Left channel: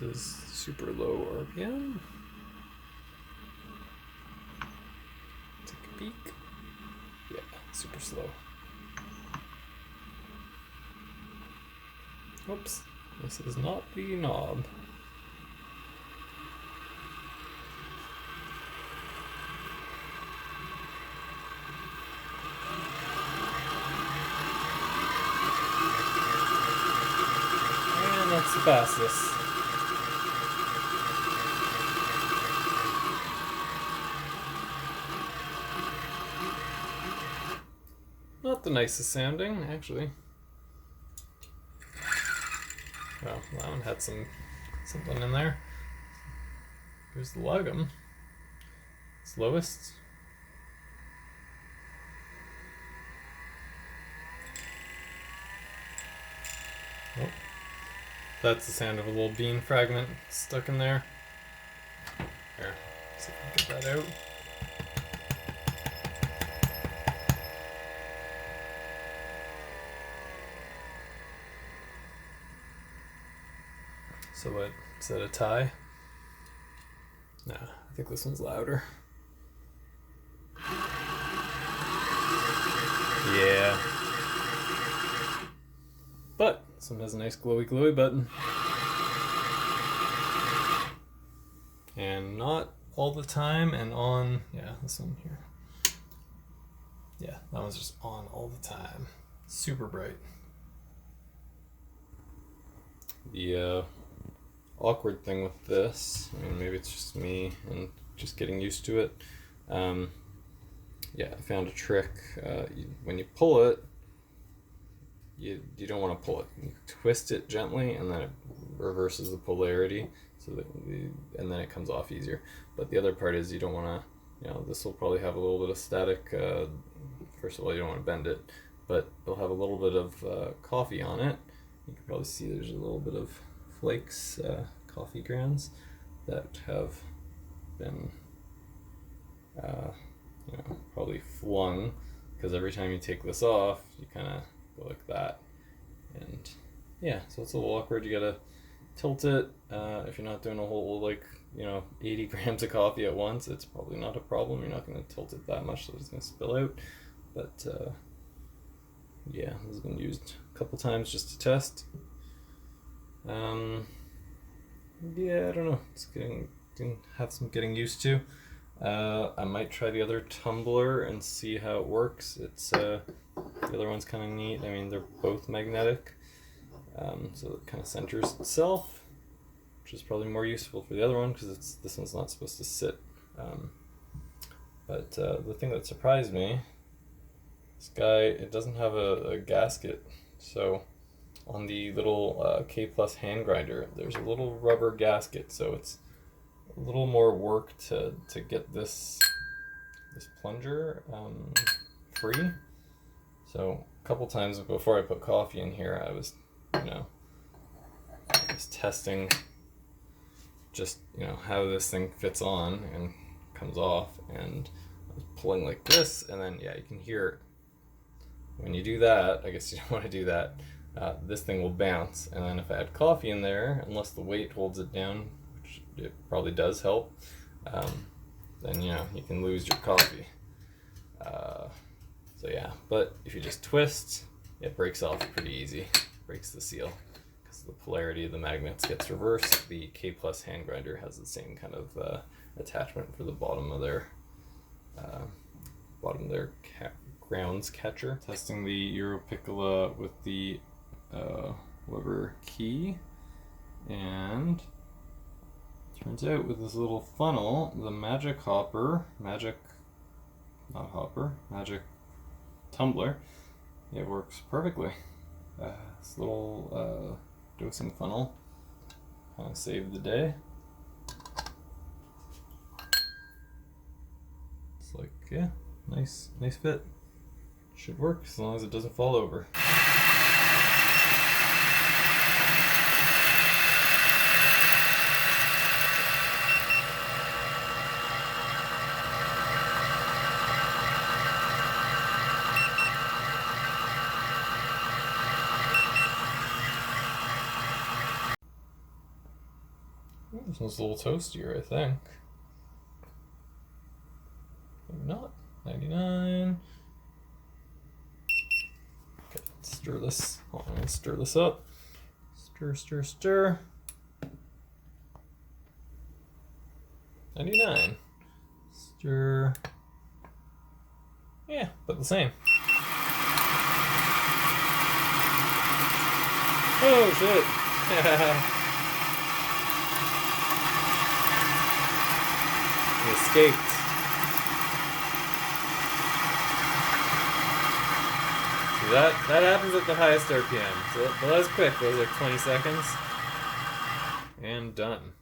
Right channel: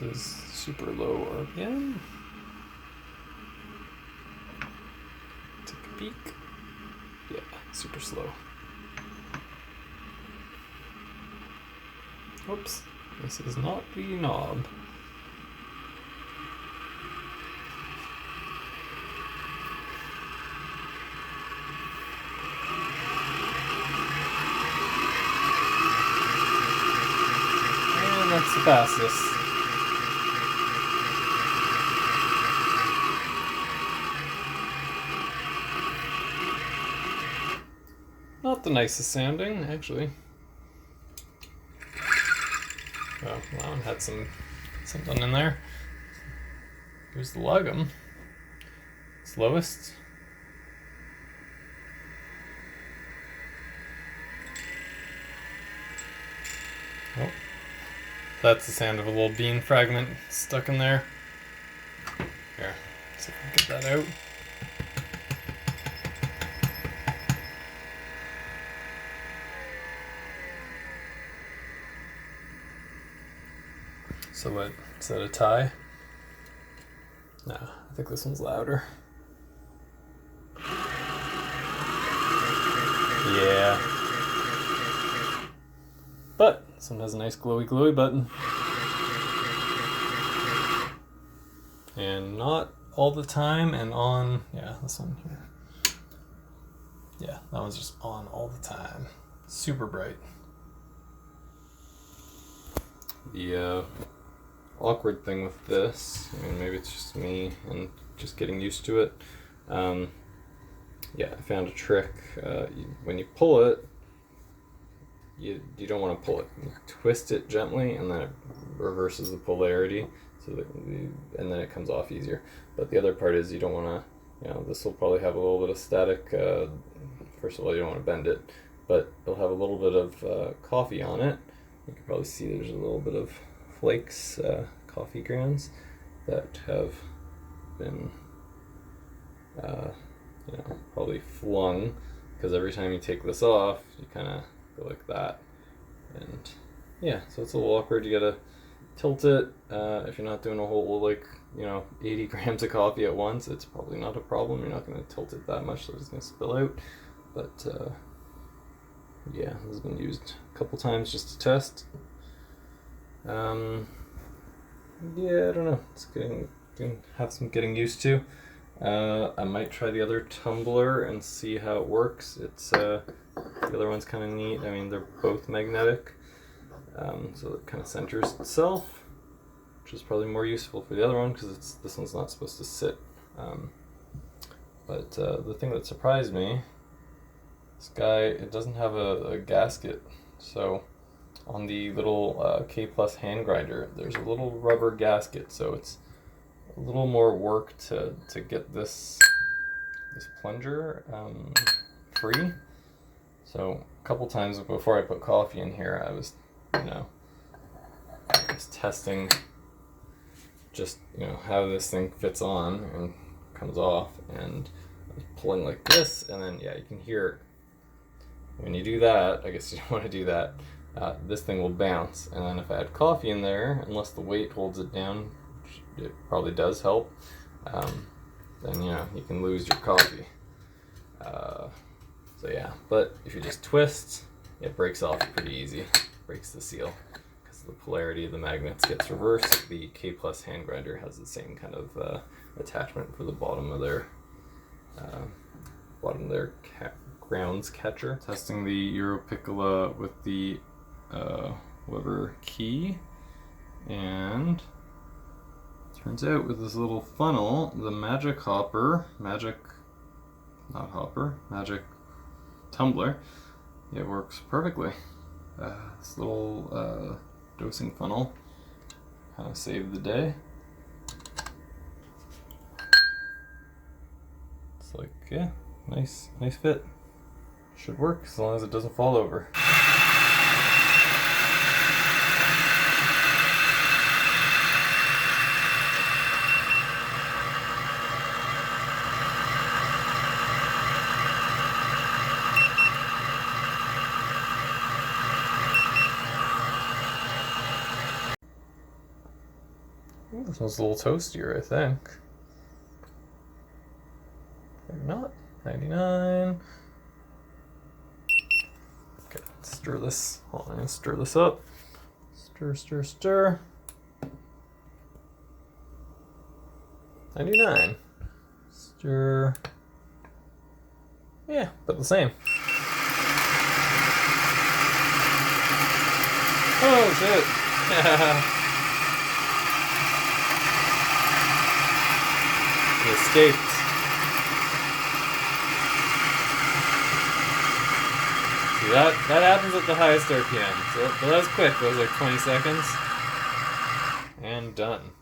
This is super low RPM. Take a peek. Yeah, super slow. Oops, this is not the knob. And that's the fastest. Not the nicest sounding, actually. Well, that one had something in there. Here's the Lagom. Slowest. Oh, that's the sound of a little bean fragment stuck in there. Here, see if we can get that out. So what, is that a tie? No, I think this one's louder. Yeah. But this one has a nice glowy button. And not all the time and on, yeah, this one here. Yeah, that one's just on all the time. Super bright. The awkward thing with this, I mean, maybe it's just me and just getting used to it. Yeah, I found a trick. When you pull it, you don't want to pull it. You twist it gently, and then it reverses the polarity, so that and then it comes off easier. But the other part is you don't want to. This will probably have a little bit of static. First of all, you don't want to bend it, but it'll have a little bit of coffee on it. You can probably see there's a little bit of flakes, coffee grounds that have been probably flung, because every time you take this off you kind of go like that, and yeah, so it's a little awkward. You gotta tilt it. If you're not doing a whole 80 grams of coffee at once, it's probably not a problem. You're not going to tilt it that much so it's going to spill out, but yeah, this has been used a couple times just to test. Yeah, I don't know. It's have some getting used to. I might try the other Tumbler and see how it works. It's the other one's kind of neat. I mean, they're both magnetic, so it kind of centers itself, which is probably more useful for the other one because this one's not supposed to sit. But the thing that surprised me, this guy, it doesn't have a gasket, so on the little K Plus hand grinder, there's a little rubber gasket, so it's a little more work to get this plunger free. So a couple times before I put coffee in here, I was testing just how this thing fits on and comes off, and I was pulling like this, and then yeah, you can hear when you do that. I guess you don't want to do that. This thing will bounce, and then if I add coffee in there, unless the weight holds it down, which it probably does help, then you can lose your coffee. So yeah, but if you just twist, it breaks off pretty easy. Breaks the seal because the polarity of the magnets gets reversed. The K Plus hand grinder has the same kind of attachment for the bottom of their grounds catcher. Testing the Europiccola with the lever key, and turns out with this little funnel, the magic tumbler, it works perfectly. This little dosing funnel kind of saved the day. It's like, yeah, nice fit. Should work as long as it doesn't fall over. This one's a little toastier, I think. Maybe not. 99. Okay, stir this. Hold on, I'm gonna stir this up. Stir, stir, stir. 99. Stir. Yeah, but the same. Oh shit! He escaped. See, that happens at the highest RPM. So that was quick. It was like 20 seconds. And done.